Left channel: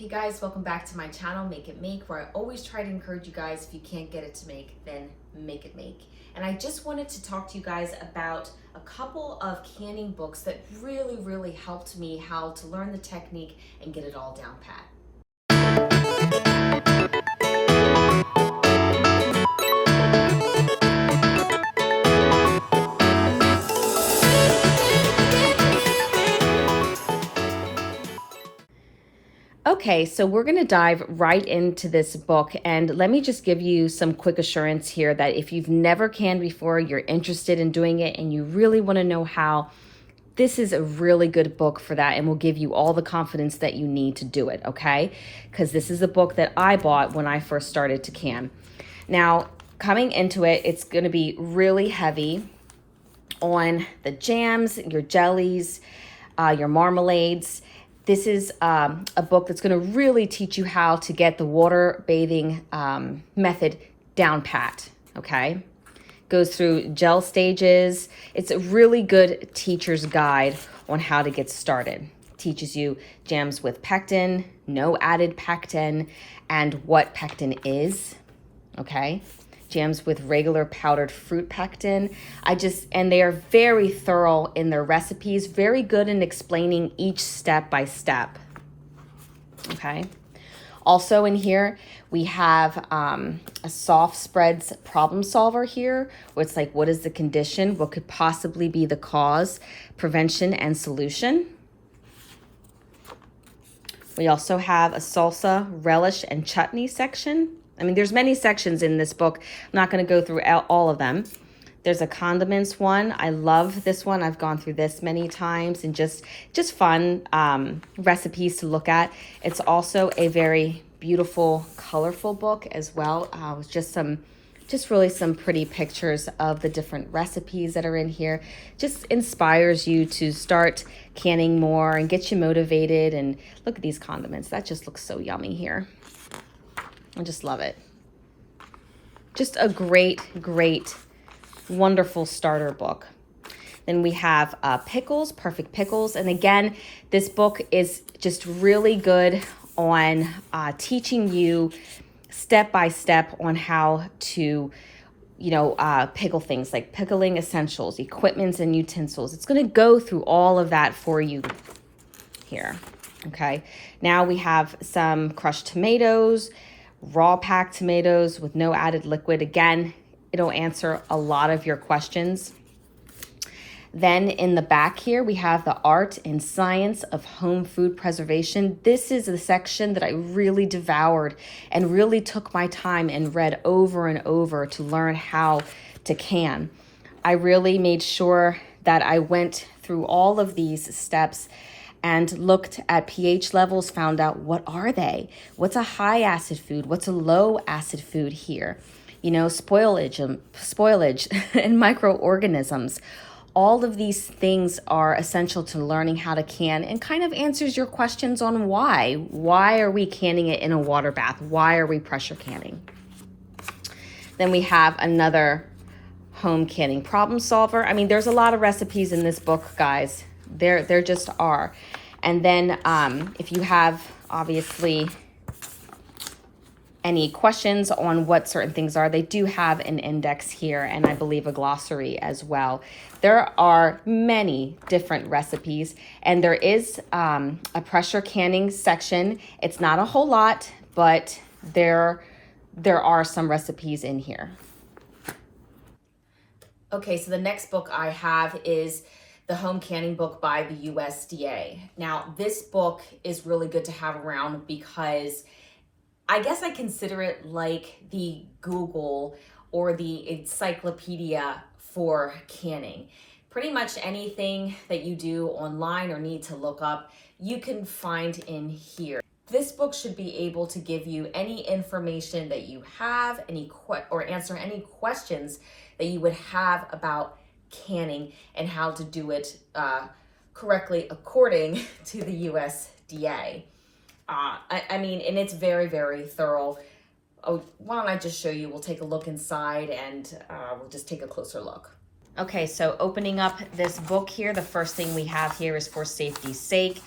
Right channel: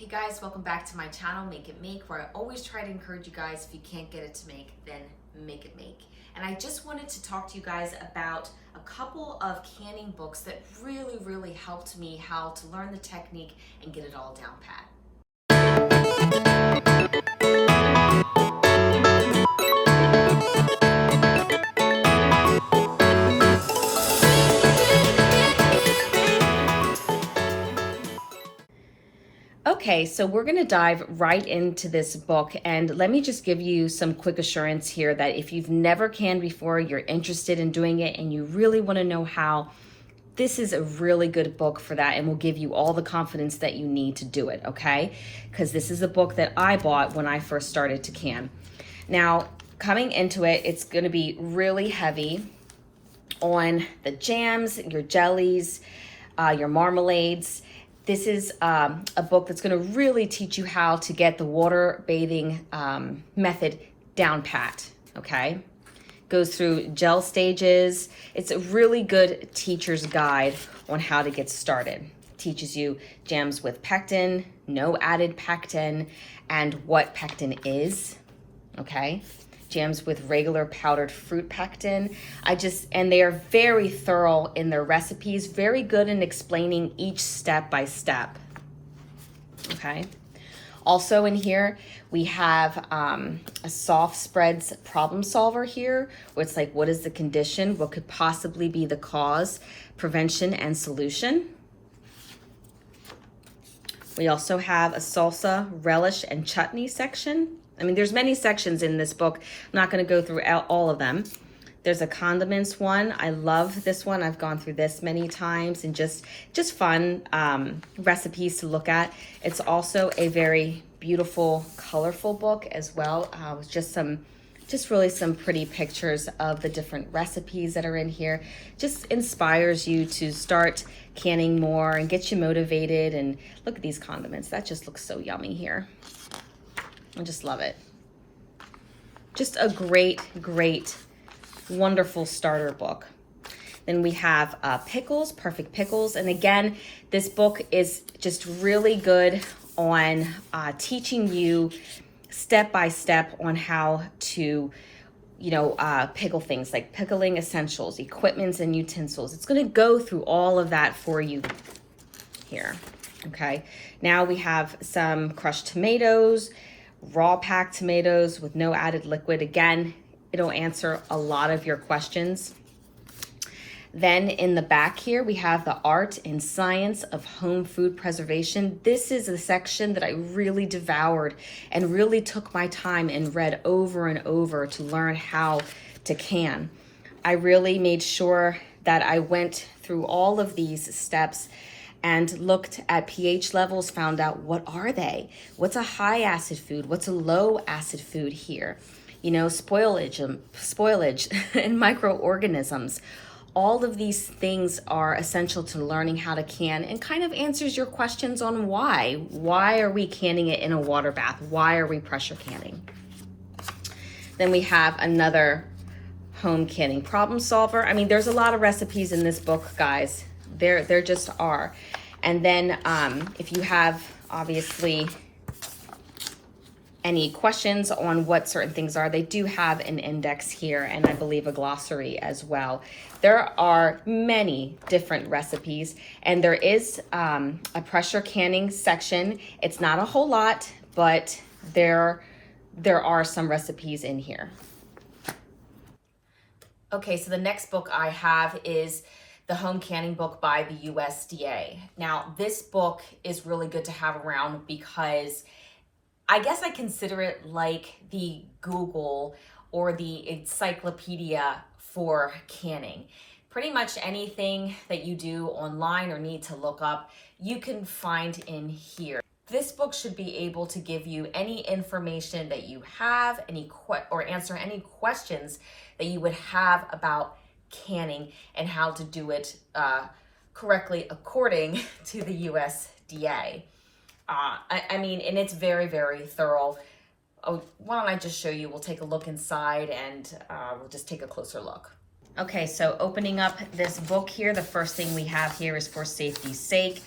Hey guys, welcome back to my channel, Make It Make, where I always try to encourage you guys, if you can't get it to make, then make it make. And I just wanted to talk to you guys about a couple of canning books that really helped me how to learn the technique and get it all down pat. Okay, so we're going to dive right into this book, and let me just give you some quick assurance here that if you've never canned before, you're interested in doing it, and you really want to know how, this is a really good book for that and will give you all the confidence that you need to do it, okay? Because this is a book that I bought when I first started to can. Now, coming into it, it's going to be really heavy on the jams, your jellies, your marmalades. This is a book that's going to really teach you how to get the water bathing method down pat, okay? Goes through gel stages. It's a really good teacher's guide on how to get started. Teaches you jams with pectin, no added pectin, and what pectin is, okay? Jams with regular powdered fruit pectin. And they are very thorough in their recipes, very good in explaining each step by step, okay? Also in here, we have a soft spreads problem solver here, where it's like, what is the condition? What could possibly be the cause, prevention, and solution? We also have a salsa, relish, and chutney section. I mean, there's many sections in this book. I'm not going to go through all of them. There's a condiments one. I love this one. I've gone through this many times, and just fun recipes to look at. It's also a very beautiful, colorful book as well. With just really some pretty pictures of the different recipes that are in here. Just inspires you to start canning more and get you motivated. And look at these condiments. That just looks so yummy here. I just love it. Just a great, wonderful starter book. Then we have pickles, perfect pickles. And again, this book is just really good on teaching you step by step on how to, pickle things like pickling essentials, equipments, and utensils. It's going to go through all of that for you here. Okay. Now we have some crushed tomatoes, raw packed tomatoes with no added liquid. Again, it'll answer a lot of your questions. Then in the back here, we have the art and science of home food preservation. This is the section that I really devoured and really took my time and read over and over to learn how to can. I really made sure that I went through all of these steps and looked at pH levels, found out what are they? What's a high acid food? What's a low acid food here? Spoilage and microorganisms. All of these things are essential to learning how to can, and kind of answers your questions on why. Why are we canning it in a water bath? Why are we pressure canning? Then we have another home canning problem solver. I mean, there's a lot of recipes in this book, guys. There just are. And then if you have, obviously, any questions on what certain things are, they do have an index here, and I believe a glossary as well. There are many different recipes, and there is a pressure canning section. It's not a whole lot, but there are some recipes in here. Okay, so the next book I have is the Home Canning book by the USDA. Now, this book is really good to have around because I guess I consider it like the Google or the encyclopedia for canning. Pretty much anything that you do online or need to look up, you can find in here. This book should be able to give you any information that you have, or answer any questions that you would have about canning and how to do it correctly according to the USDA. I mean, and it's very thorough. Oh, why don't I just show you? We'll take a look inside, and we'll just take a closer look. Okay, so opening up this book here, the first thing we have here is for safety's sake.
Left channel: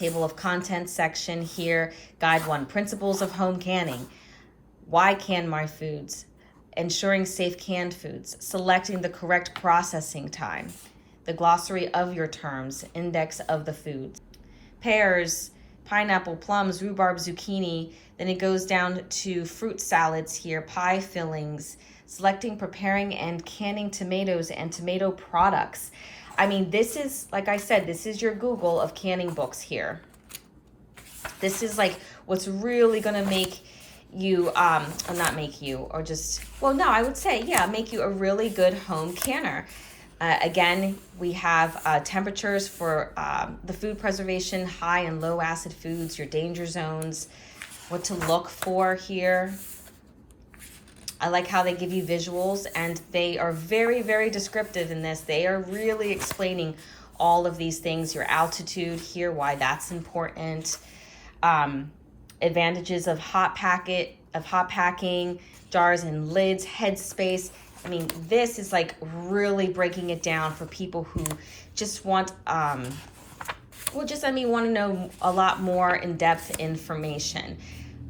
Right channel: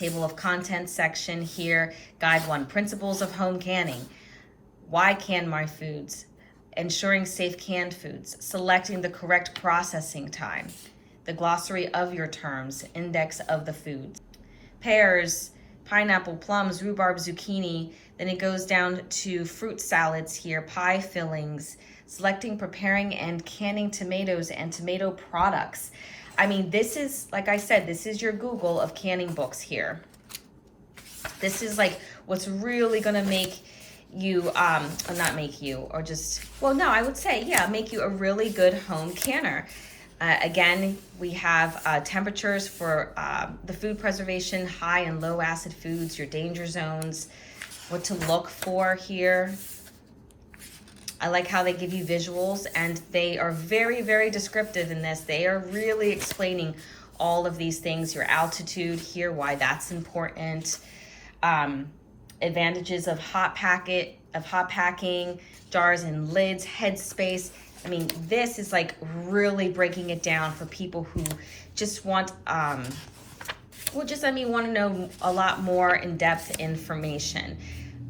Table of contents section here. Guide 1, principles of home canning. Why can my foods? Ensuring safe canned foods. Selecting the correct processing time. The glossary of your terms. Index of the foods. Pears, pineapple, plums, rhubarb, zucchini. Then it goes down to fruit salads here, pie fillings, selecting, preparing, and canning tomatoes and tomato products. I mean, this is, like I said, this is your Google of canning books here. This is like what's really gonna make you, not make you, or just, well, no, I would say, yeah, make you a really good home canner. Again, we have temperatures for the food preservation, high and low acid foods, your danger zones, what to look for here. I like how they give you visuals, and they are very, very descriptive in this. They are really explaining all of these things, your altitude here, why that's important, advantages of hot packing, jars and lids, headspace. I mean, this is like really breaking it down for people who just want, want to know a lot more in-depth information.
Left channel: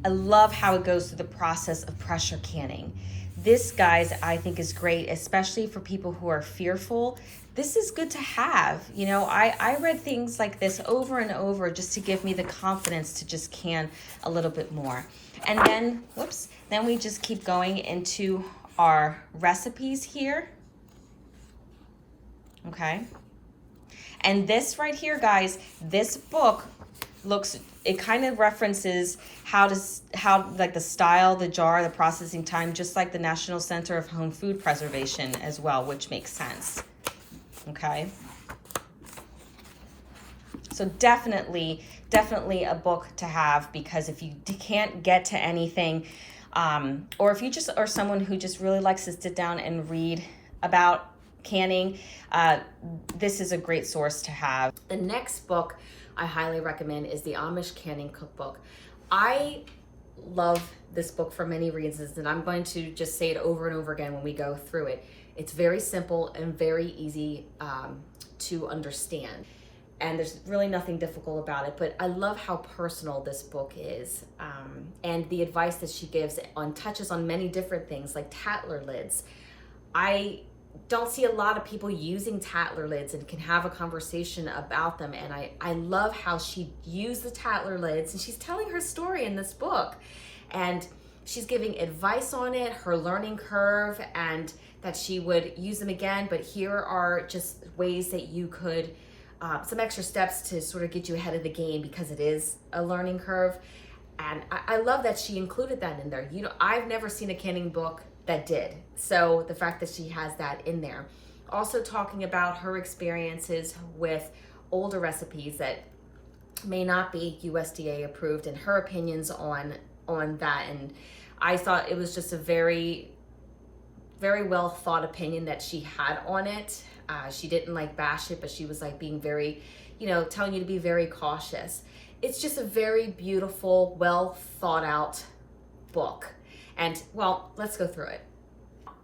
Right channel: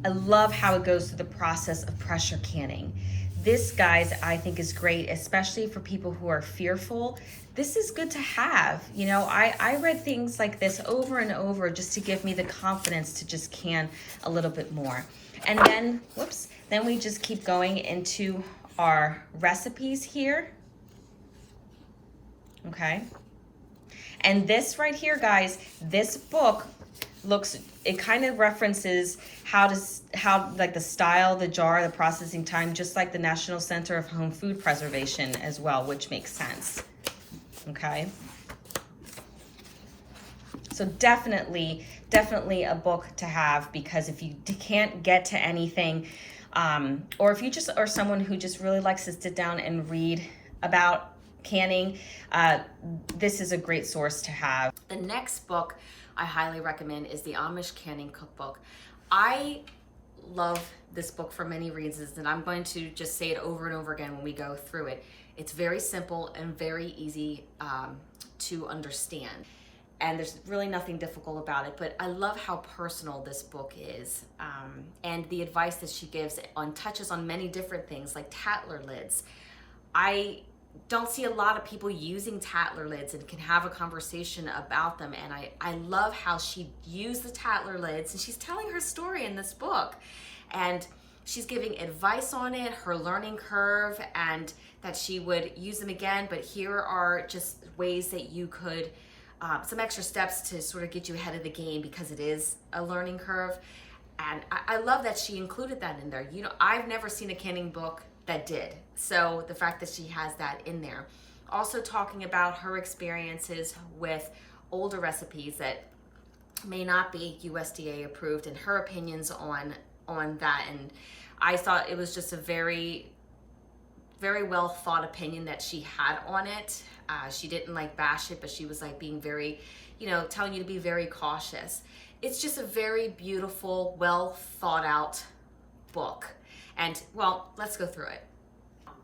I love how it goes through the process of pressure canning. This, guys, I think is great, especially for people who are fearful. This is good to have. You know, I read things like this over and over just to give me the confidence to just can a little bit more. And then, then we just keep going into our recipes here. Okay. And this right here, guys, this book it kind of references how like the style, the jar, the processing time, just like the National Center of Home Food Preservation as well, which makes sense. Okay. So definitely a book to have, because if you can't get to anything, or if you just are someone who just really likes to sit down and read about canning, this is a great source to have. The next book I highly recommend is the Amish Canning Cookbook. I love this book for many reasons, and I'm going to just say it over and over again when we go through it. It's very simple and very easy to understand, and there's really nothing difficult about it, but I love how personal this book is, and the advice that she gives touches on many different things, like Tatler lids. I don't see a lot of people using Tatler lids and can have a conversation about them, and I love how she used the Tatler lids, and she's telling her story in this book, and she's giving advice on it, her learning curve, and that she would use them again. But here are just ways that you could, some extra steps to sort of get you ahead of the game, because it is a learning curve. And I love that she included that in there. You know, I've never seen a canning book that did. So the fact that she has that in there. Also talking about her experiences with older recipes that may not be USDA approved, and her opinions on that. And I thought it was just a very, very well thought opinion that she had on it. She didn't like bash it, but she was like being very, telling you to be very cautious. It's just a very beautiful, well thought out book. And well, let's go through it.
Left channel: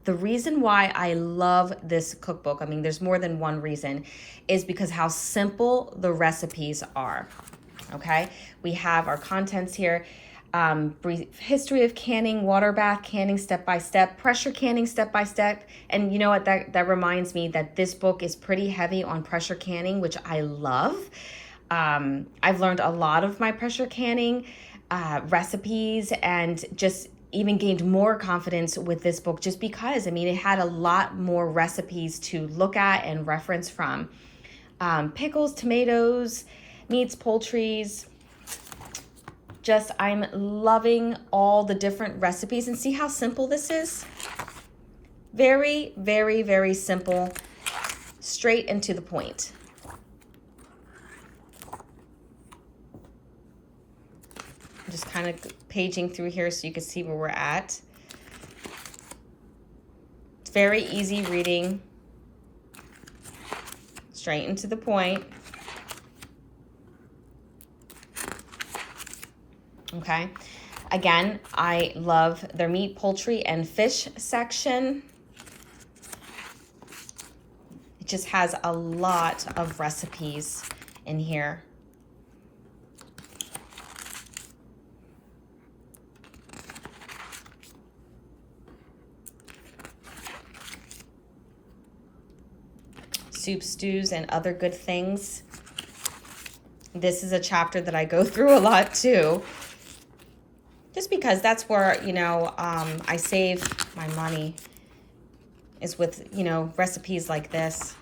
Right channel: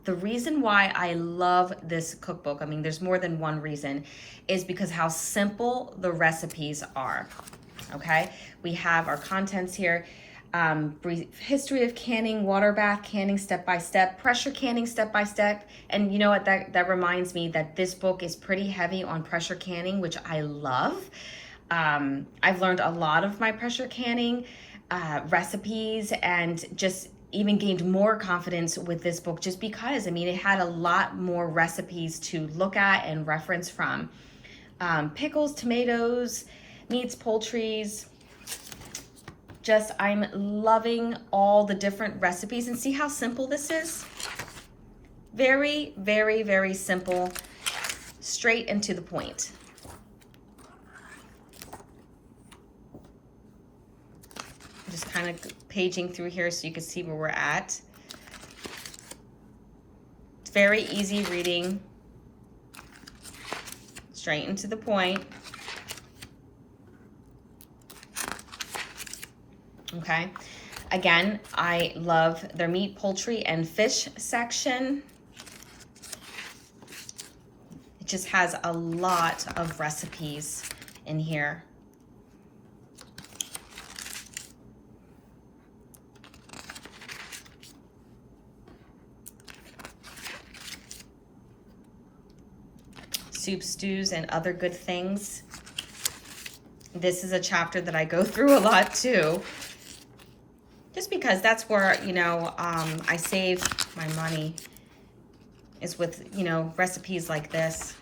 The reason why I love this cookbook, I mean, there's more than one reason, is because how simple the recipes are. Okay, we have our contents here. Brief history of canning, water bath canning step by step, pressure canning step by step. And you know what, that reminds me that this book is pretty heavy on pressure canning, which I love. I've learned a lot of my pressure canning recipes, and just even gained more confidence with this book, just because, I mean, it had a lot more recipes to look at and reference from. Pickles, tomatoes, meats, poultries. Just, I'm loving all the different recipes, and see how simple this is? Very, very, very simple, straight and to the point. Just kind of paging through here so you can see where we're at. It's very easy reading, straight and to the point. Okay, again, I love their meat, poultry, and fish section. It just has a lot of recipes in here. soup, stews, and other good things. This is a chapter that I go through a lot too. Just because that's where, you know, I save my money, is with, you know, recipes like this.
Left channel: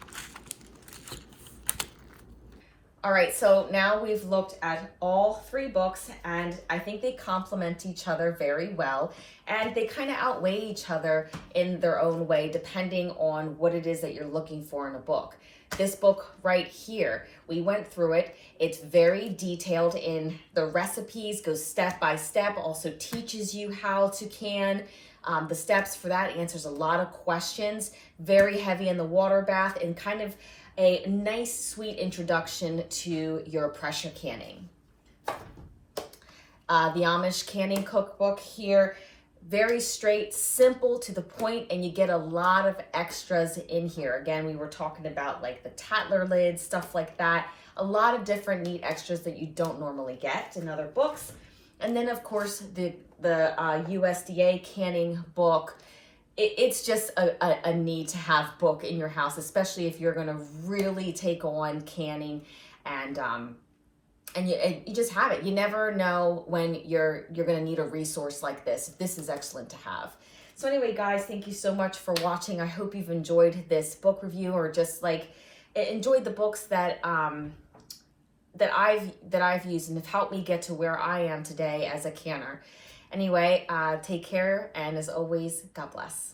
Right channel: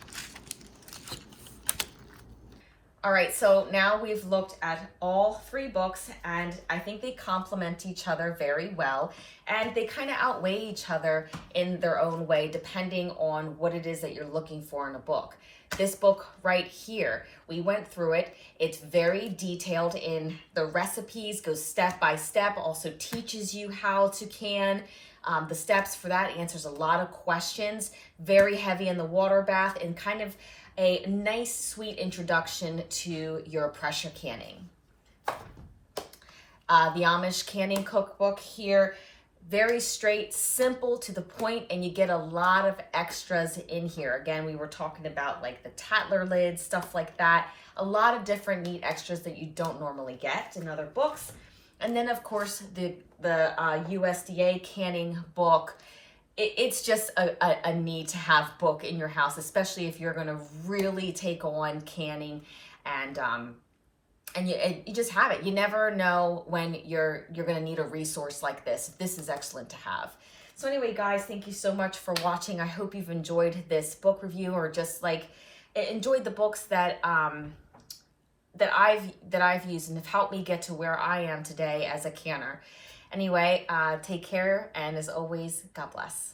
All right, so now we've looked at all 3 books, and I think they complement each other very well, and they kind of outweigh each other in their own way, depending on what it is that you're looking for in a book. This book right here, we went through it. It's very detailed in the recipes, goes step by step, also teaches you how to can. The steps for that answers a lot of questions, very heavy in the water bath, and kind of a nice, sweet introduction to your pressure canning. The Amish canning cookbook here, very straight, simple, to the point, and you get a lot of extras in here. Again, we were talking about like the Tatler lids, stuff like that. A lot of different neat extras that you don't normally get in other books. And then, of course, the USDA canning book. It's just a need to have book in your house, especially if you're going to really take on canning, and you just have it. You never know when you're going to need a resource like this. This is excellent to have. So anyway, guys, thank you so much for watching. I hope you've enjoyed this book review, or just like enjoyed the books that I've used and have helped me get to where I am today as a canner. Anyway, take care, and as always, God bless.